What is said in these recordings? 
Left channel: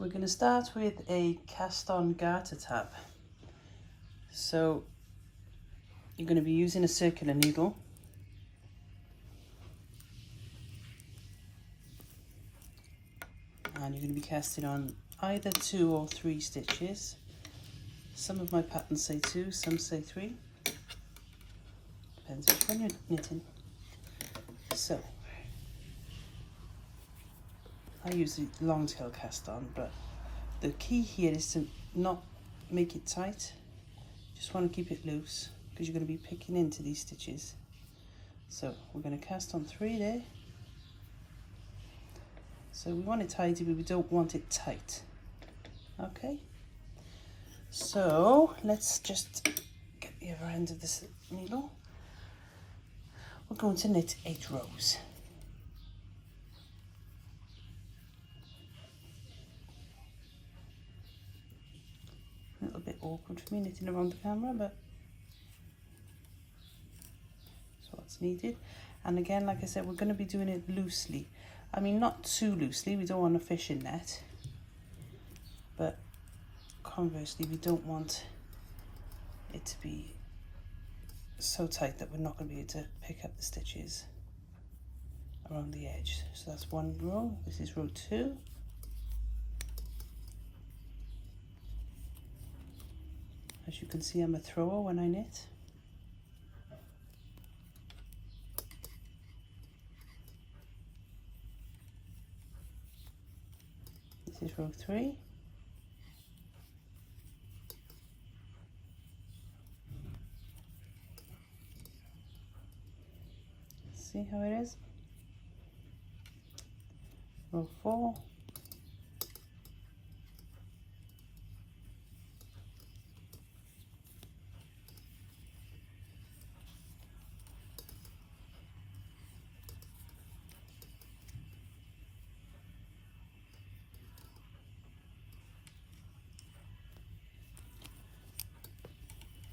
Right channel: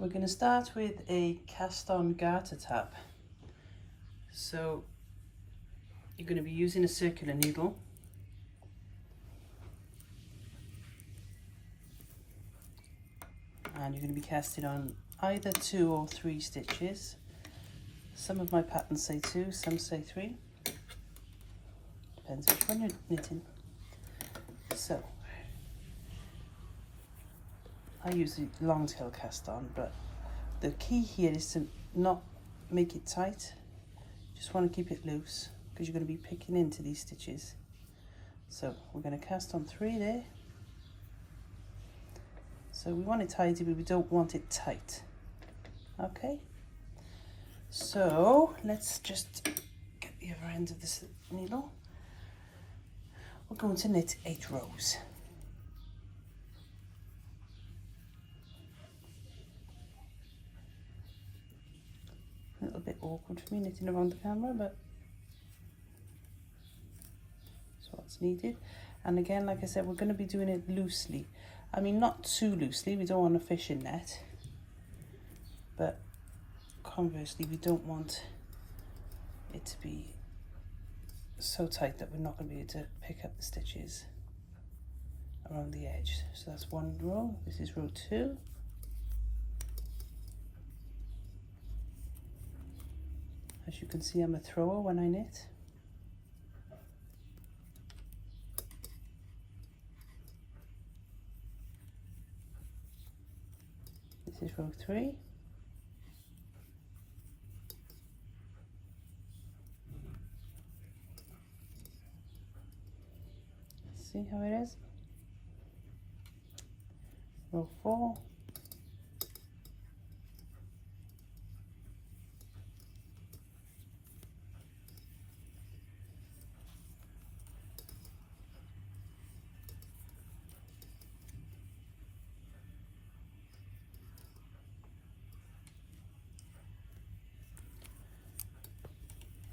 We're going to start with a cast on garter tab. So you're going to be using a circular needle. And you're going to be casting on either 2 or 3 stitches. Some of my patterns say 2, some say 3. Depends which one you're knitting. So I use the long tail cast on, but the key here is to not make it tight. Just want to keep it loose because you're going to be picking into these stitches. So we're going to cast on 3 there. So we want it tidy, but we don't want it tight. Okay, so let's just get the other end of this needle. We're going to knit 8 rows. A little bit awkward for me knitting around the camera, but that's what's needed. And again, like I said, we're going to be doing it loosely. I mean, not too loosely, we don't want a fishing net, but conversely, we don't want it to be so tight that we're not going to be able to pick up the stitches around the edge. So that's 1 row. This is row 2. As you can see, I'm a thrower when I knit. This is row 3. See how it is? Row 4.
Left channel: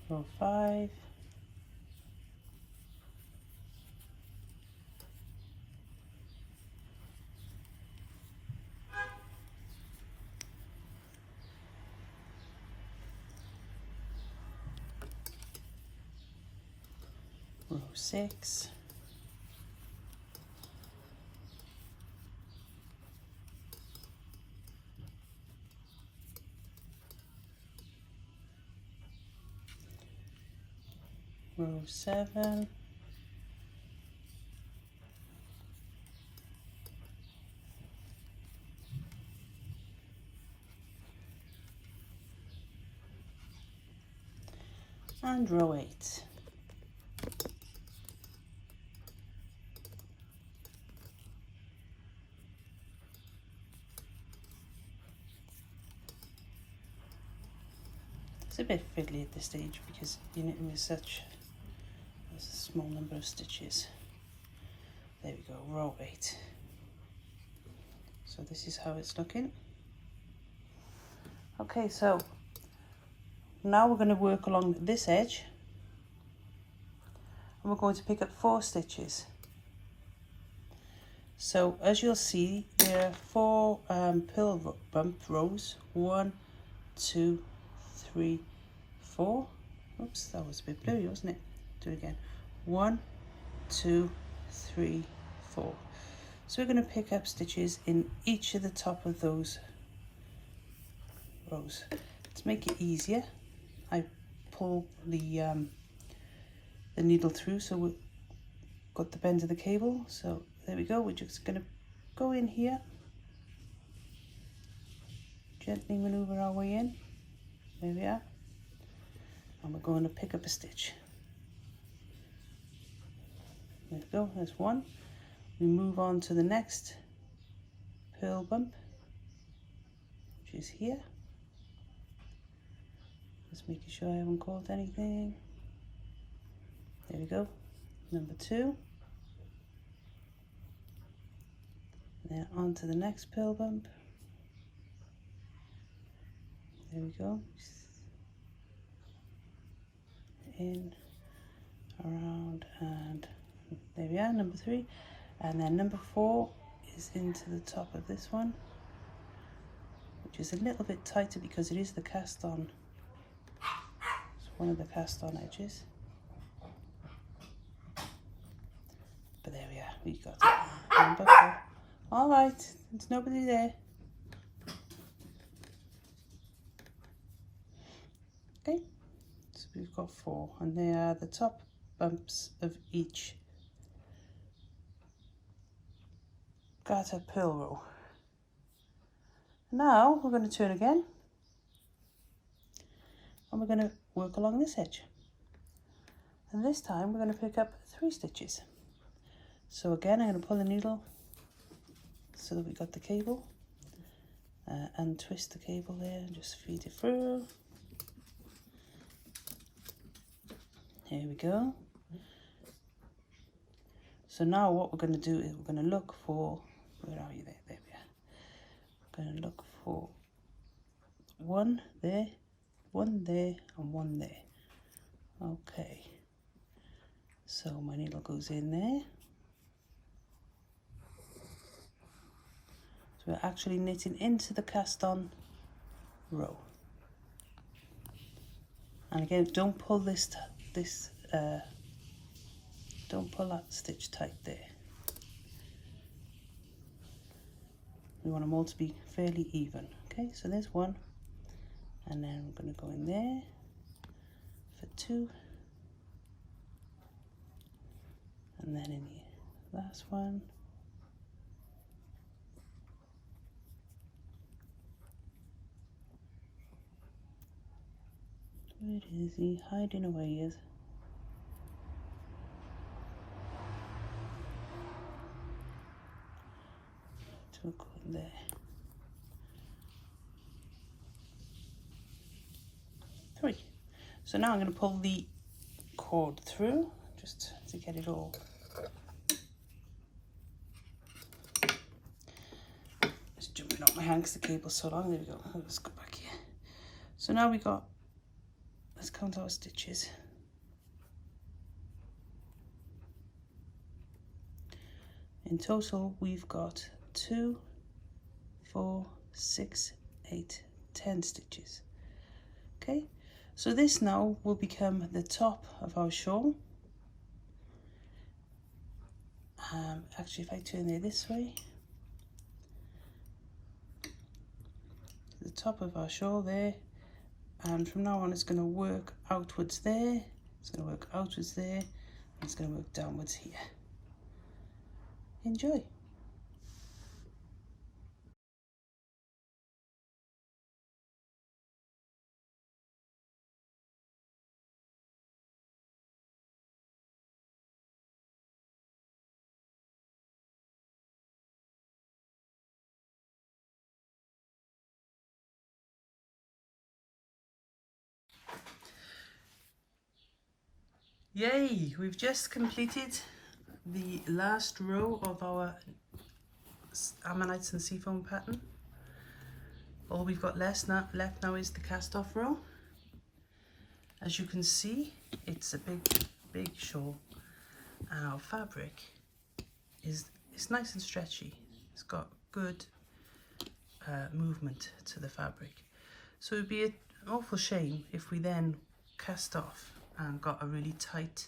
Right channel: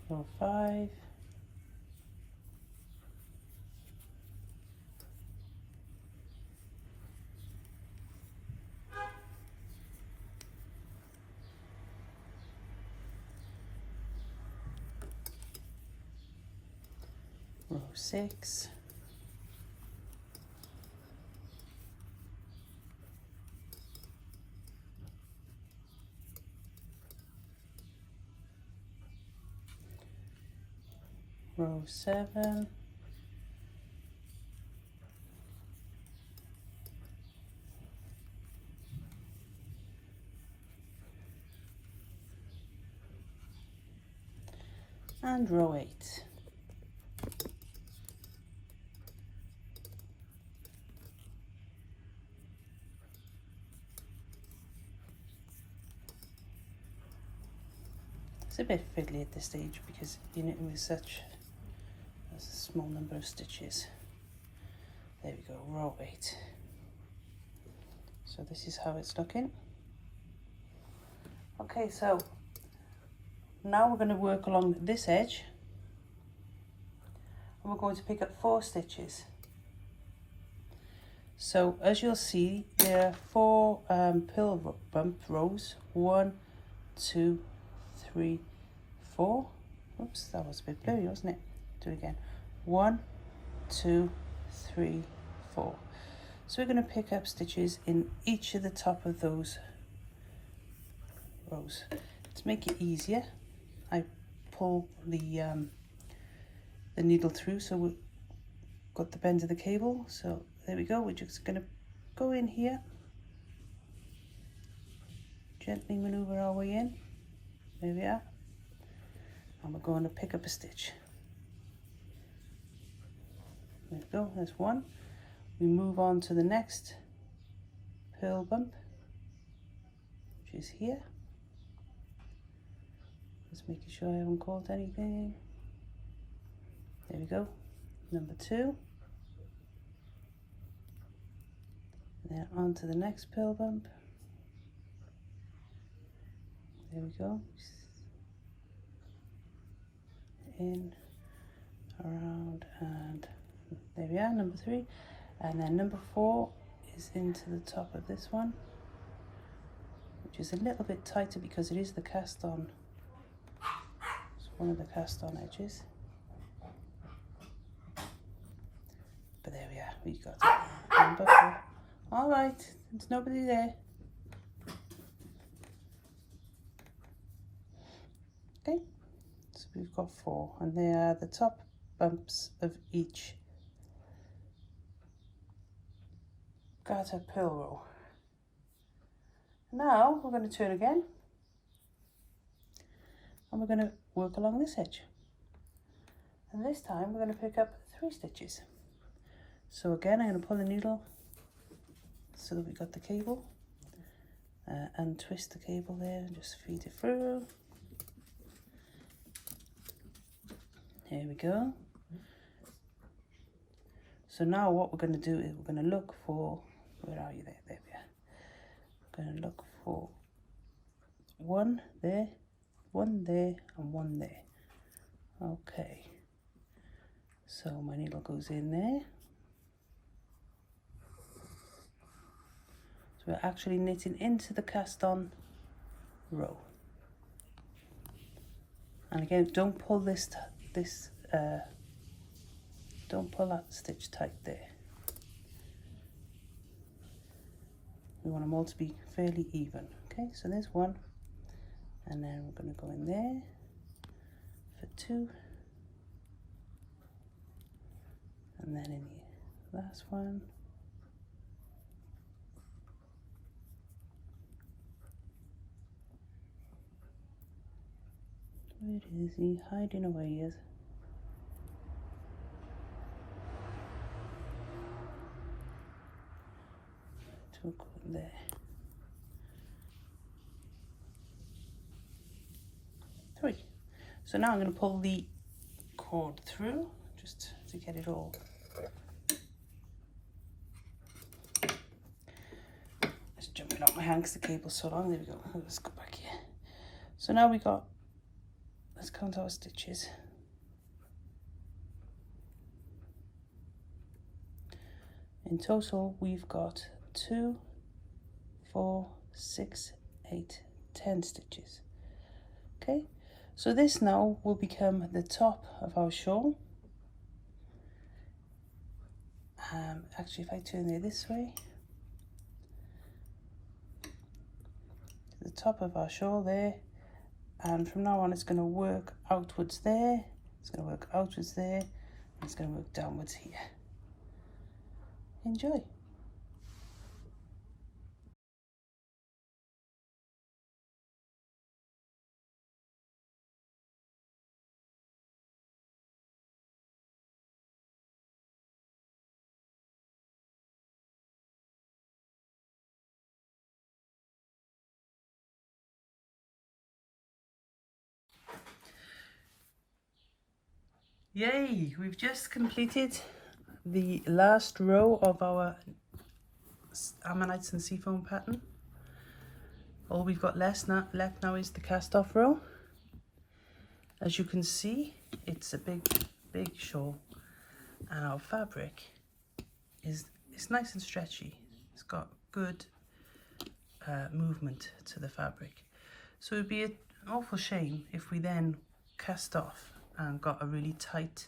Row 5. Row 6. Row 7. And row 8. It's a bit fiddly at this stage because you're knitting with such a small number of stitches. There we go, row 8. So this is how it's looking. Okay, so now we're going to work along this edge and we're going to pick up 4 stitches. So as you'll see, there are 4 purl bump rows. 1, 2, 3, 4. Oops, that was a bit blurry, wasn't it? Do it again. 1, 2, 3, 4. So we're going to pick up stitches in each of the top of those rows. To make it easier, I pull the needle through, so we've got the bend of the cable. So there we go. We're just going to go in here, gently maneuver our way in. There we are. And we're going to pick up a stitch. There we go. There's 1. We move on to the next purl bump, which is here. Just making sure I haven't caught anything. There we go. Number 2. And then on to the next purl bump. There we go. In, around, and there we are, number 3. And then number 4 is into the top of this one, which is a little bit tighter because it is the cast on. It's one of the cast on edges. But there we are, we got it. Number 4. All right, there's nobody there. Okay, so we've got 4, and they are the top bumps of each garter purl row. Now we're going to turn again, and we're going to work along this edge. And this time we're going to pick up 3 stitches. So again, I'm going to pull the needle so that we got the cable, and twist the cable there and just feed it through. Here we go. So now what we're going to do is we're going to look for, where are you there? There we are. We're going to look for 1 there, 1 there, and 1 there. Okay. So my needle goes in there. So we're actually knitting into the cast on row. And again, don't pull don't pull that stitch tight there. We want them all to be fairly even. Okay, so there's 1, and then we're going to go in there for 2, and then in the last one. Where is he hiding away? Is to go in there. Three. So now I'm going to pull the cord through just to get it all. It's jumping off my hand because the cable's so long. There we go. Let's go back here. So now we got, let's count our stitches. In total, we've got 2, 4, 6, 8, 10 stitches. Okay, so this now will become the top of our shawl. Actually, if I turn it this way, the top of our shawl there, and from now on it's going to work outwards there, it's going to work outwards there, and it's going to work downwards here. Enjoy. Yay! We've just completed the last row of our Ammonites and Seafoam pattern. All we've got left now is the cast off row. As you can see, it's a big shawl, and our fabric is nice and stretchy. It's got good movement to the fabric. So it would be an awful shame if we then cast off and got a really tight,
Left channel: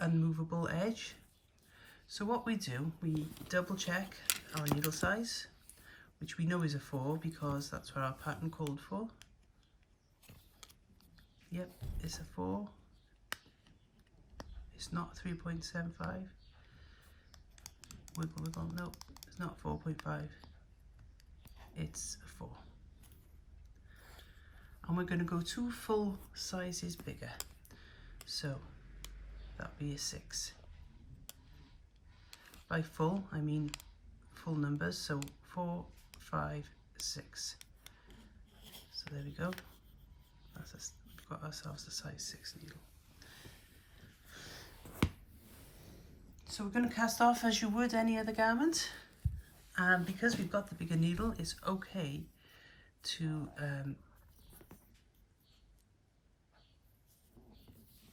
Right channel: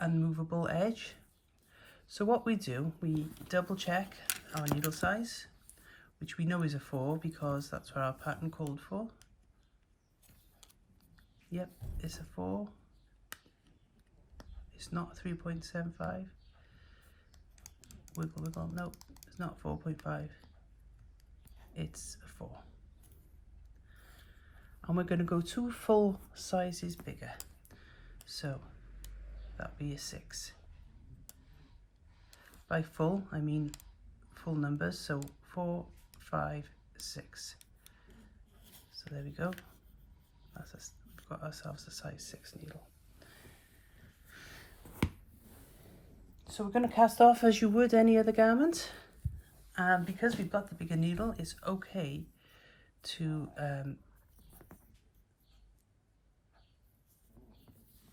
unmovable edge. So what we do, we double check our needle size, which we know is a 4 because that's what our pattern called for. Yep, it's a 4. It's not 3.75. Wiggle, wiggle. Nope, it's not 4.5. It's a 4. And we're going to go 2 full sizes bigger. So that'll be a 6. By full, I mean full numbers. So 4, 5, 6. So there we go. We've got ourselves a size 6 needle. So we're going to cast off as you would any other garment. And because we've got the bigger needle, it's okay to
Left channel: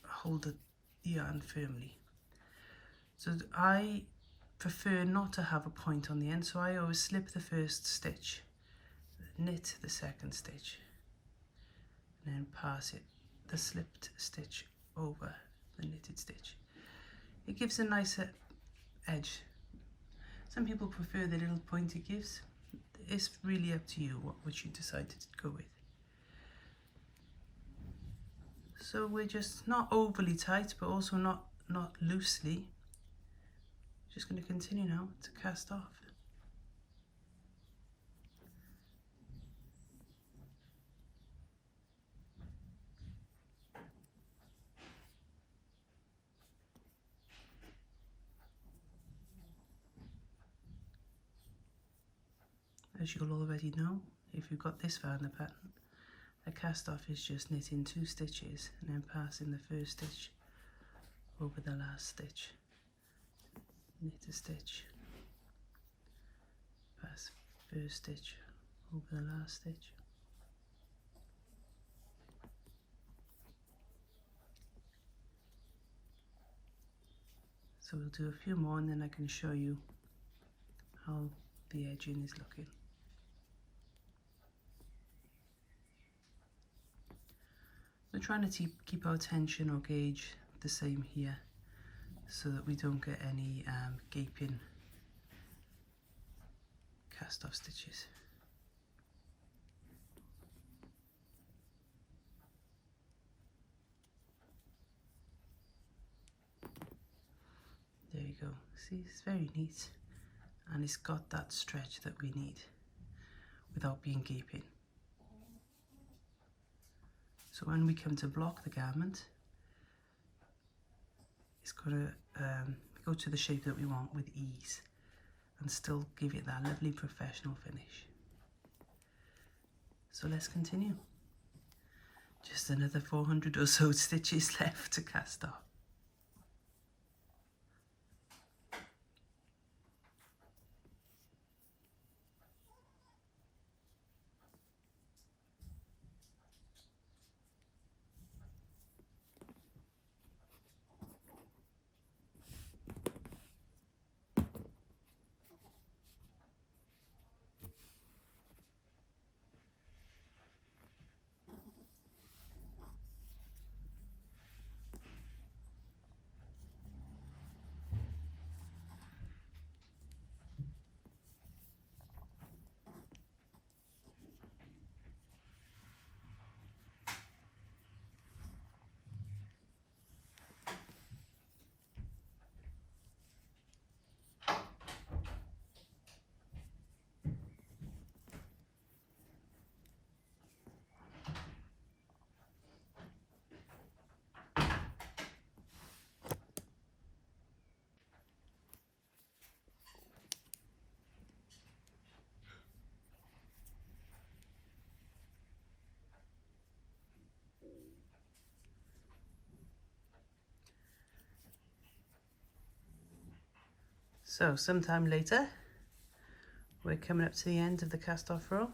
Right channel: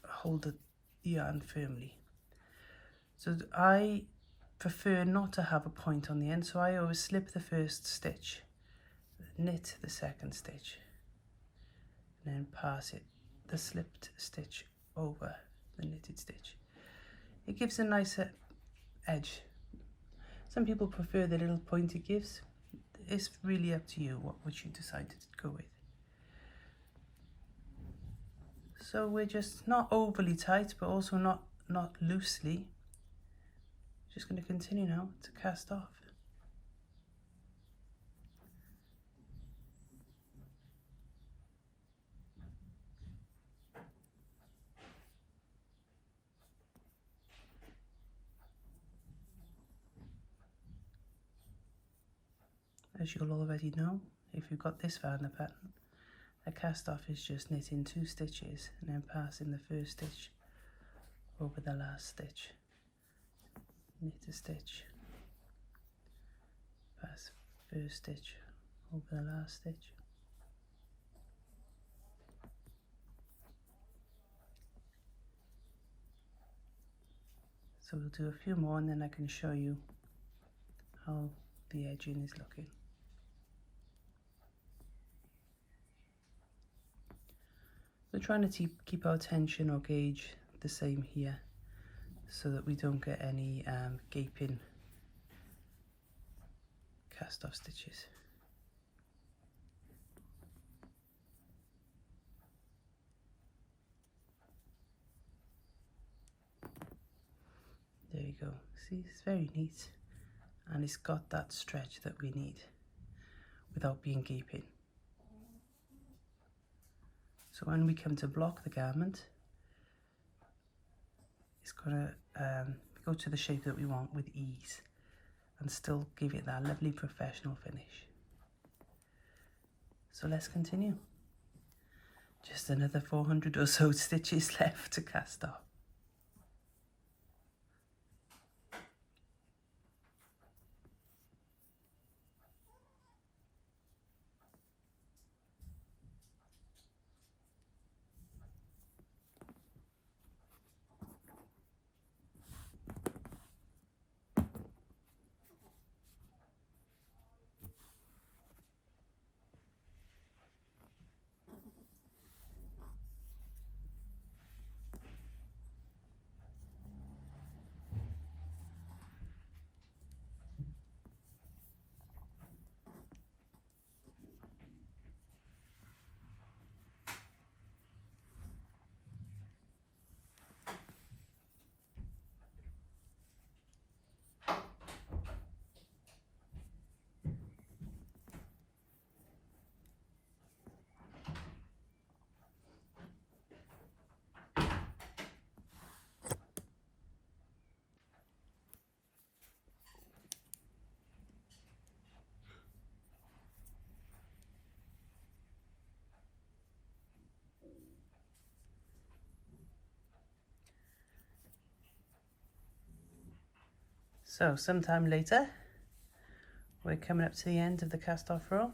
hold the yarn firmly. So I prefer not to have a point on the end, so I always slip the first stitch knit the second stitch and then pass it, the slipped stitch, over the knitted stitch. It gives a nicer edge. Some people prefer the little point it gives. It's really up to you which you decide to go with. So we're just not overly tight, but also not loosely. Just going to continue now to cast off. As you'll already know, if you've got this far in the pattern, a cast off is just knitting 2 stitches and then passing the first stitch over the last stitch. Knit a stitch, pass first stitch over the last stitch. So we'll do a few more and then I can show you how the edging is looking. We're trying to keep our tension or gauge the same here so that we don't get any gaping cast off stitches. There you go. See, it's very neat and it's got that stretch that we need without being gaping. So when we come to block the garment, it's got to go to the shape that we want with ease and still give it that lovely professional finish. So let's continue. Just another 400 or so stitches left to cast off. So sometime later, we're coming up to the end of the cast off row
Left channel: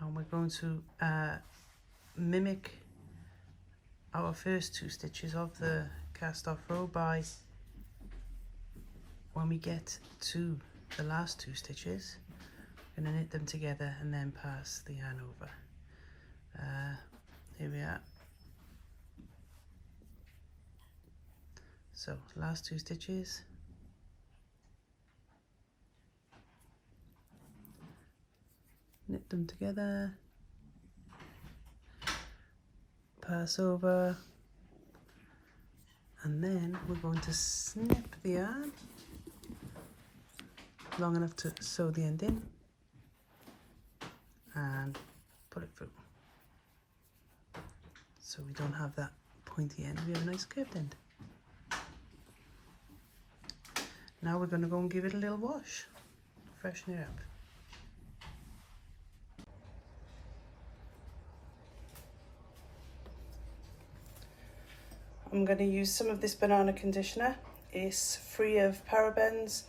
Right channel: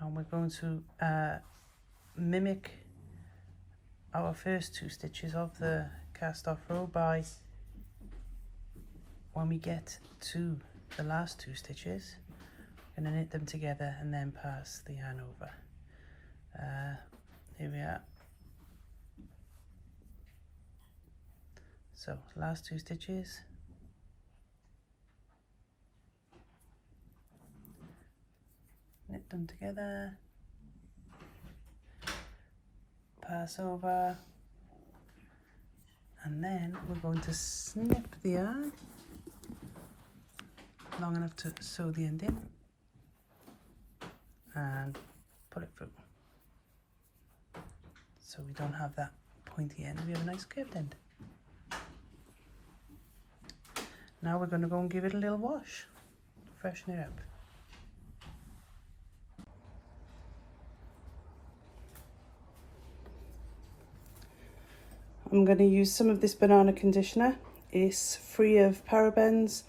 and we're going to mimic our first 2 stitches of the cast off row by, when we get to the last 2 stitches, we're going to knit them together and then pass the yarn over. Here we are. So last 2 stitches, knit them together, pass over, and then we're going to snip the yarn long enough to sew the end in and pull it through. So we don't have that pointy end, we have a nice curved end. Now we're going to go and give it a little wash, freshen it up. I'm going to use some of this banana conditioner. It's free of parabens.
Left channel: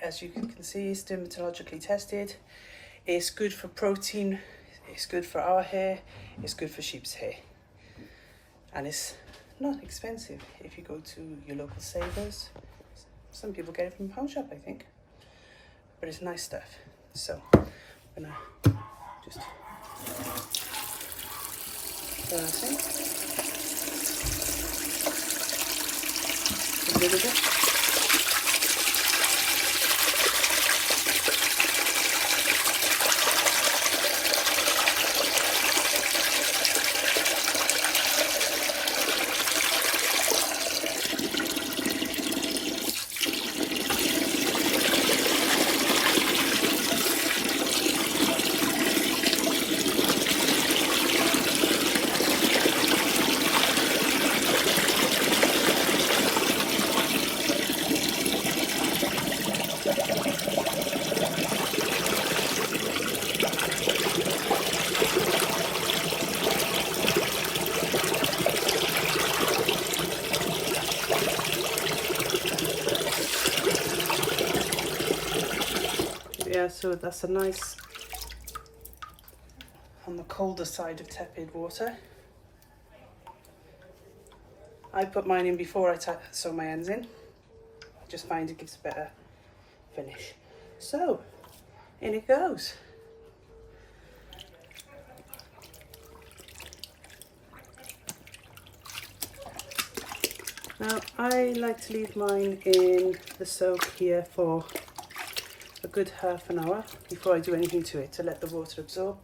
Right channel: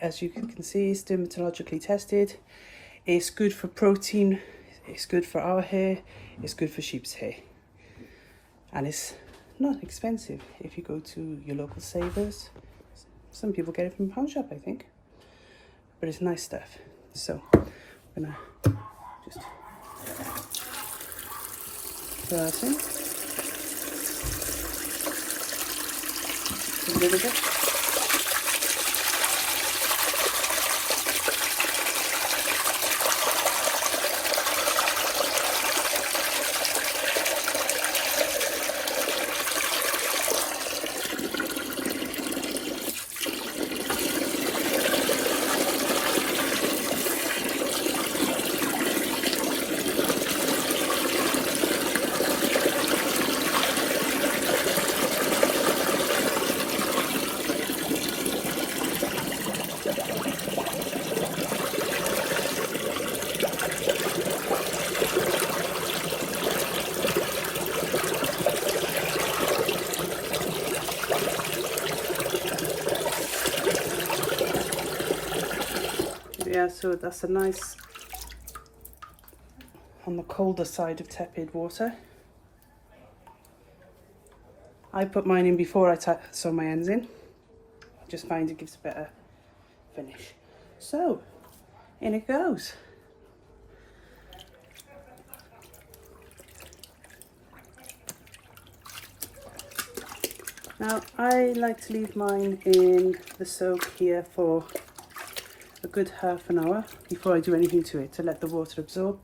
As you can see, it's dermatologically tested. It's good for protein, it's good for our hair, it's good for sheep's hair. And it's not expensive if you go to your local Savers. Some people get it from a pound shop, I think. But it's nice stuff. So I'm gonna just that in a little bit. Yeah, so that's a nice on the colder side of tepid water. I put mine in before I sew my ends in. I just find it gives a better finish. So, in it goes. Now, I like to leave mine in the soak here for a good half an hour before I do anything to it, to let the water absorb.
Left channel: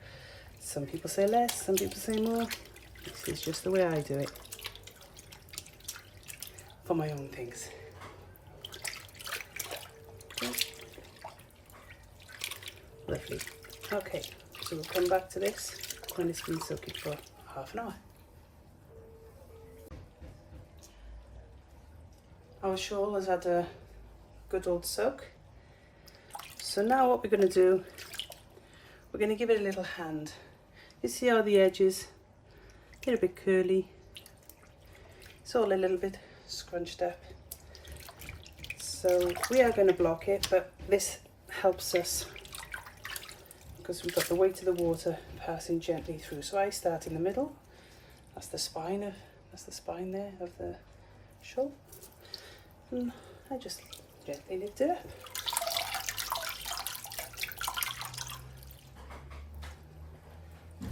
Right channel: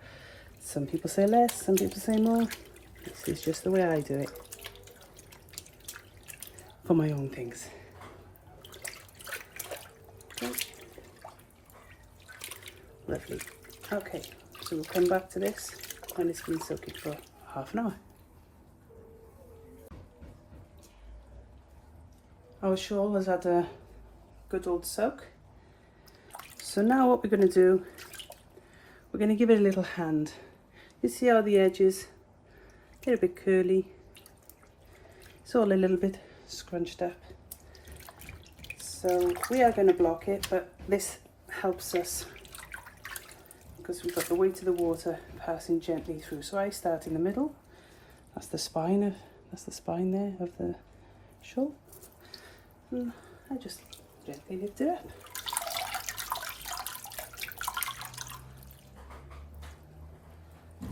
Some people say less, some people say more. This is just the way I do it for my own things. Okay. Lovely. Okay, so we'll come back to this when it's been soaking for half an hour. Our shawl has had a good old soak. So now what we're going to do, we're going to give it a little hand. You see how the edges get a bit curly. It's all a little bit scrunched up. So we are going to block it, but this helps us because we've got the weight of the water passing gently through. So I start in the middle. That's the spine there of the shawl. And I just gently lift it up.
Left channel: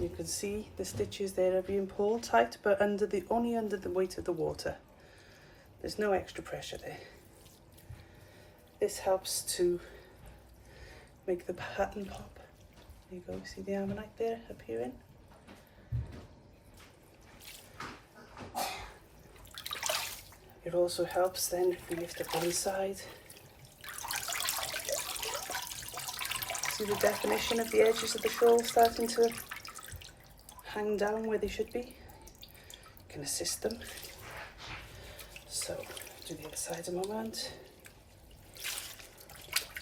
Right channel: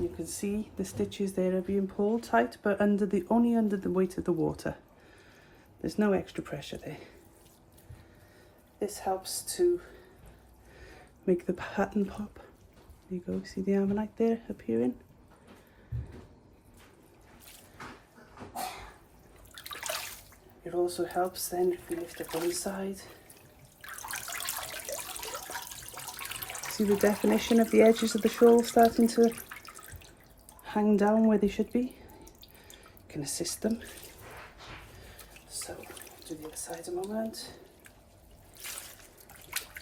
You can see the stitches there are being pulled tight, but only under the weight of the water. There's no extra pressure there. This helps to make the pattern pop. There you go, see the Ammonite there appearing? It also helps then if we lift up one side. See the definition of the edges of the shawl starting to hang down where they should be. Can assist them. So do the other side a moment.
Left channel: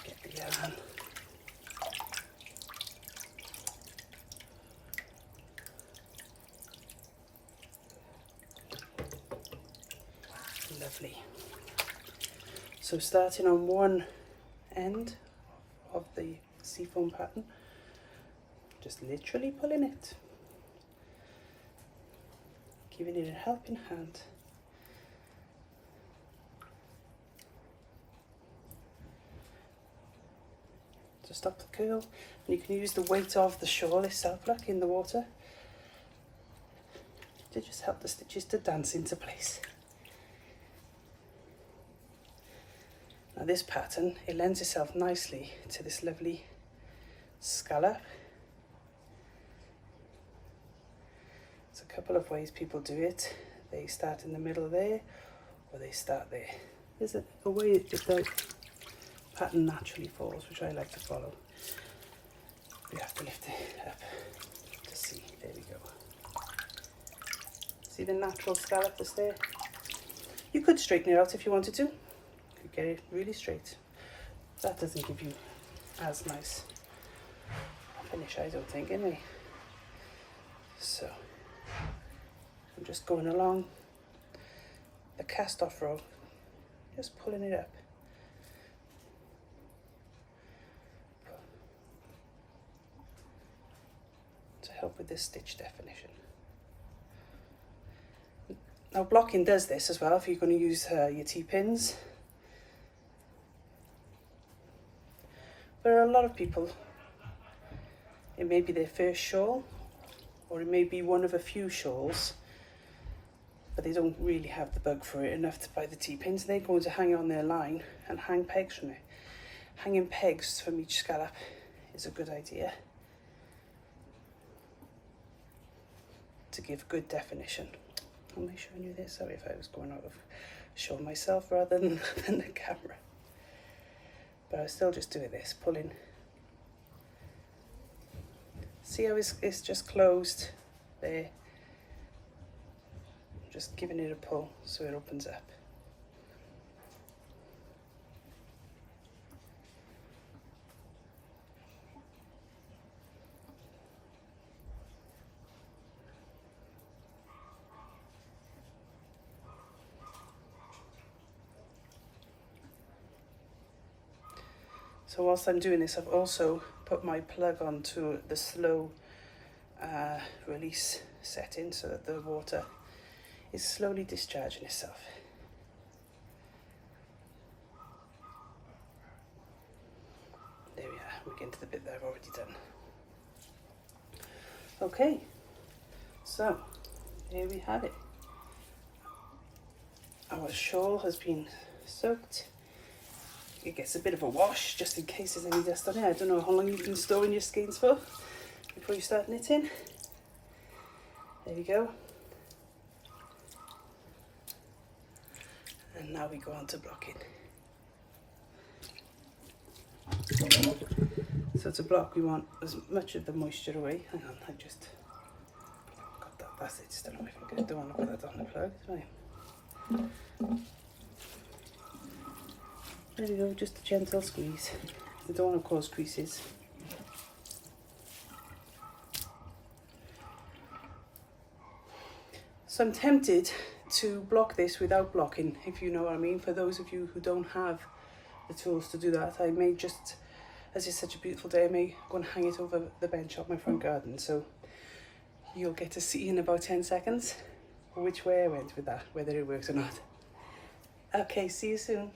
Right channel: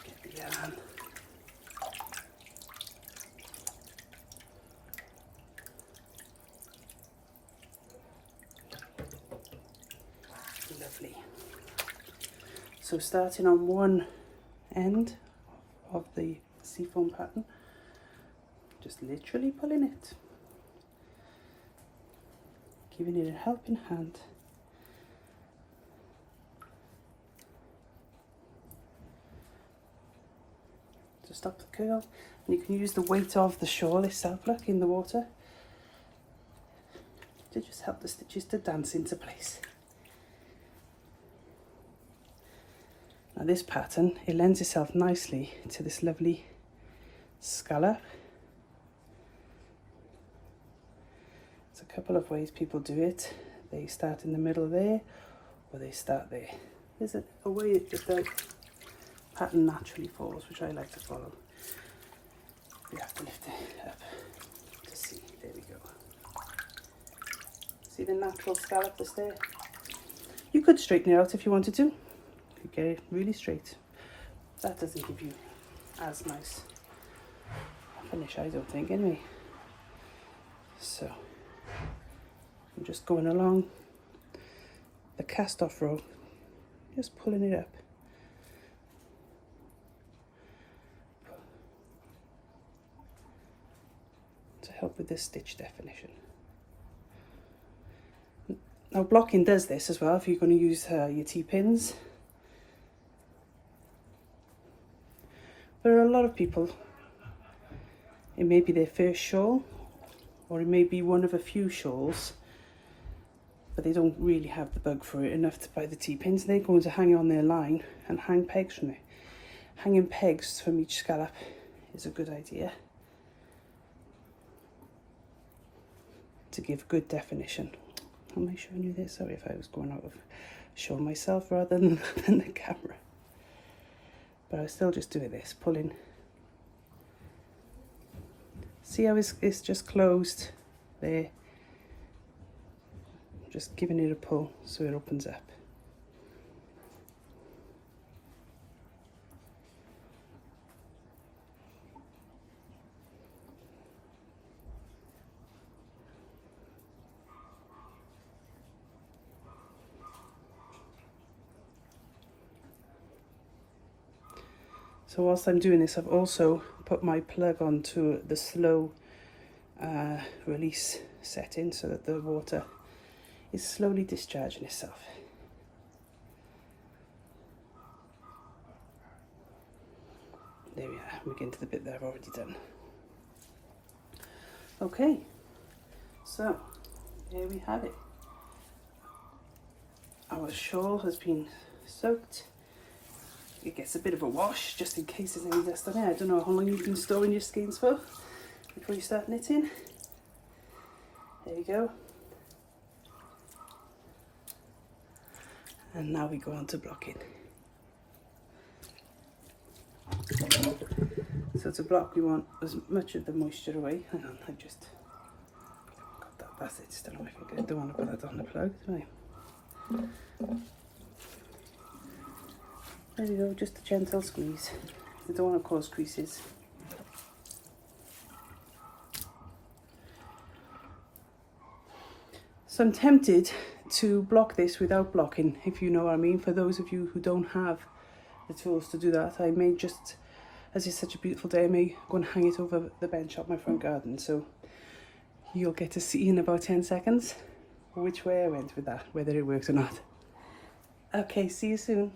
Get the yarn. Lovely. So starting on one end of the seafoam pattern, just literally pulling it, giving it a helping hand. To stop the curl, and you can use the weight of the shawl itself, look, in the water, to just help the stitches to dance into place. Now this pattern, it lends itself nicely to this lovely scallop. There's a couple of ways people do it. They start in the middle there, or they start there. There's a way that the pattern naturally falls, which I like to follow. We have to lift it up to see. There we go. See the natural scallop that's there? You could straighten it out if you wanted to. You get it really straight. That doesn't give you as nice a finish, I don't think, anyway. So I'm just going along the cast off row, just pulling it up. To help with this stitch definition. Now blocking does this as well if you're going to use your T-pins. There are a lot of people It may be their first shawl, or it may be one of a few shawls, but they don't really have the bug for it enough to buy the T-pins. They're going to hang on their line and hang pegs from it. Hanging pegs from each scallop is a good idea to give good definition. Am I showing you this? Sorry if I was going out of show myself rather than the camera. But I was still just doing this, pulling. See how it's just closed there? Just giving it a pull so it opens up. So whilst I'm doing this, I've also put my plug onto the slow release setting so that the water is slowly discharging itself. There we are, we're getting to the bit that I've already done. Okay, so there we have it. Our shawl has been soaked. It gets a bit of a wash just in case there's any dust on it. I don't know how long you've been storing your skeins for before you start knitting. There you go. And now we go on to blocking. So to block, we want as much of the moisture away. Hang on, I've just got that basket still on my foot. I don't want to put that on the plug. Right. There we go, just a gentle squeeze. You don't want to cause creases. So I'm tempted to block this without blocking, if you know what I mean. For those of you who don't have the tools to do that, I may just, as it's such a beautiful day, I may go and hang it over the bench of my front garden. So you'll get to see in about 10 seconds which way I went with that, whether it works or not. Okay, see you soon.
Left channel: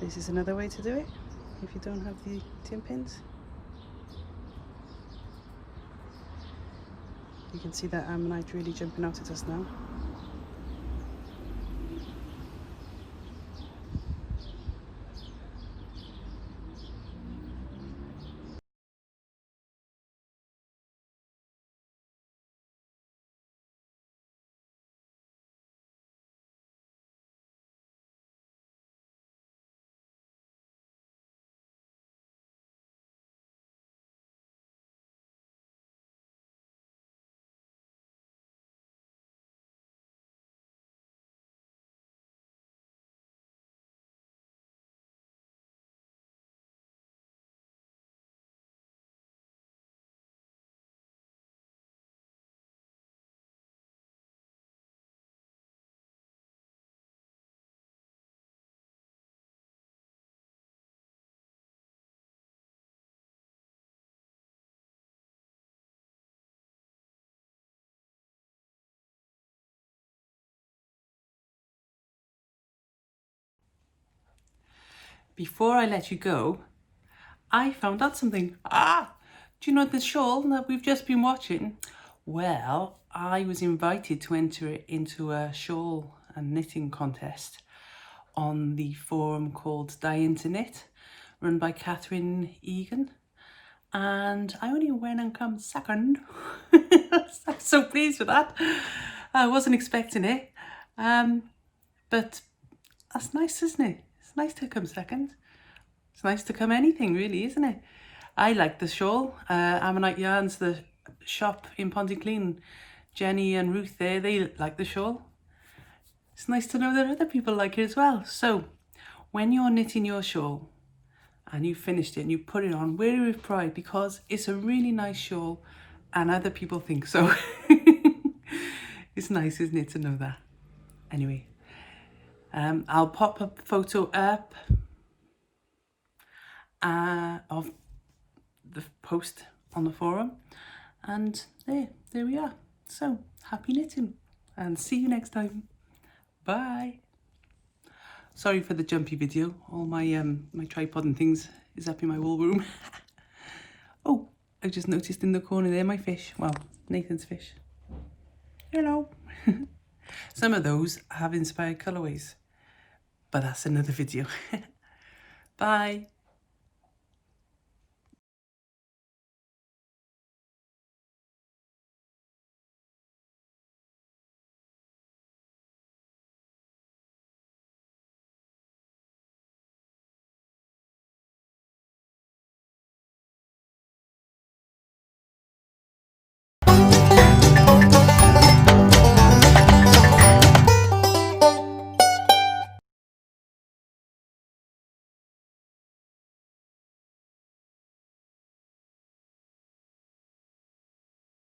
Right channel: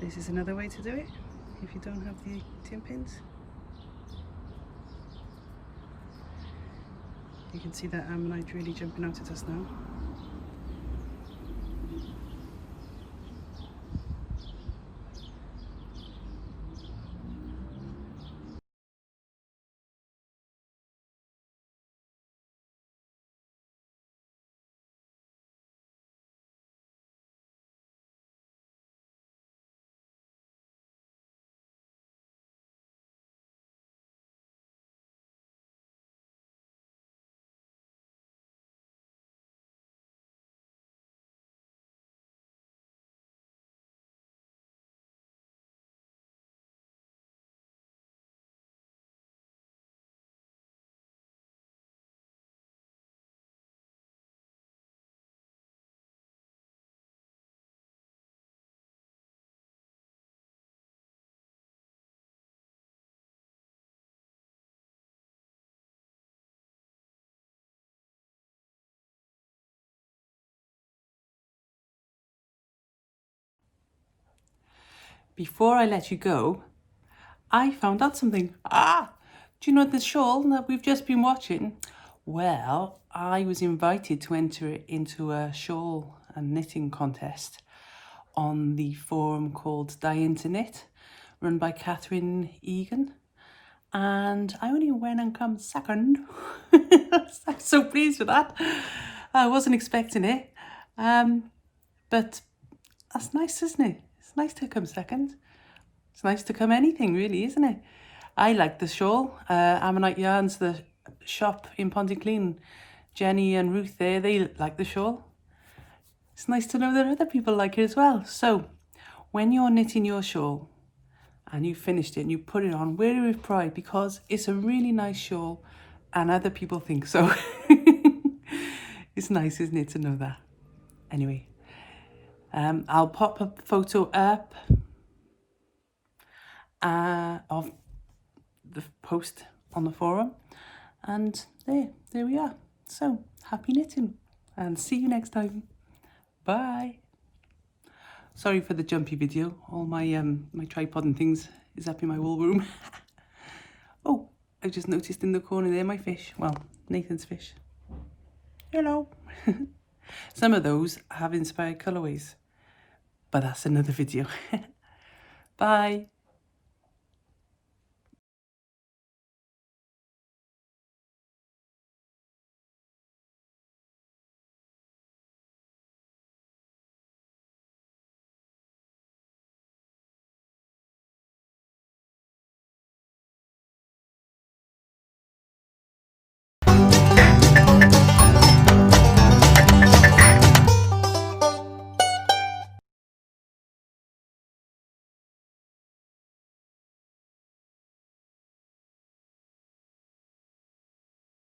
This is another way to do it if you don't have the tin pins. You can see that ammonite really jumping out at us now. before I let you go, I found out something. Do you know the shawl that we've just been watching? Well, I was invited to enter into a shawl and knitting contest on the forum called Dying to Knit, run by Catherine Egan. And I only went and come second. I'm so pleased with that. I wasn't expecting it. But that's nice, isn't it? It's nice to come second. It's nice to come anything, really, isn't it? I like the shawl. Ammonite Yarns, the shop in Pontyclean. Jenny and Ruth there, they like the shawl. It's nice to know that other people like it as well. So, when you're knitting your shawl and you've finished it and you put it on, wear it with pride, because it's a really nice shawl and other people think so. It's nice, isn't it, to know that? Anyway, I'll pop a photo up of the post on the forum, and there we are. So happy knitting, and see you next time. Bye. Sorry for the jumpy video. All my my tripod and things is up in my wool room. Oh, I just noticed in the corner there my fish. Well, Nathan's fish. You know. Some of those have inspired colourways, but that's another video. Bye.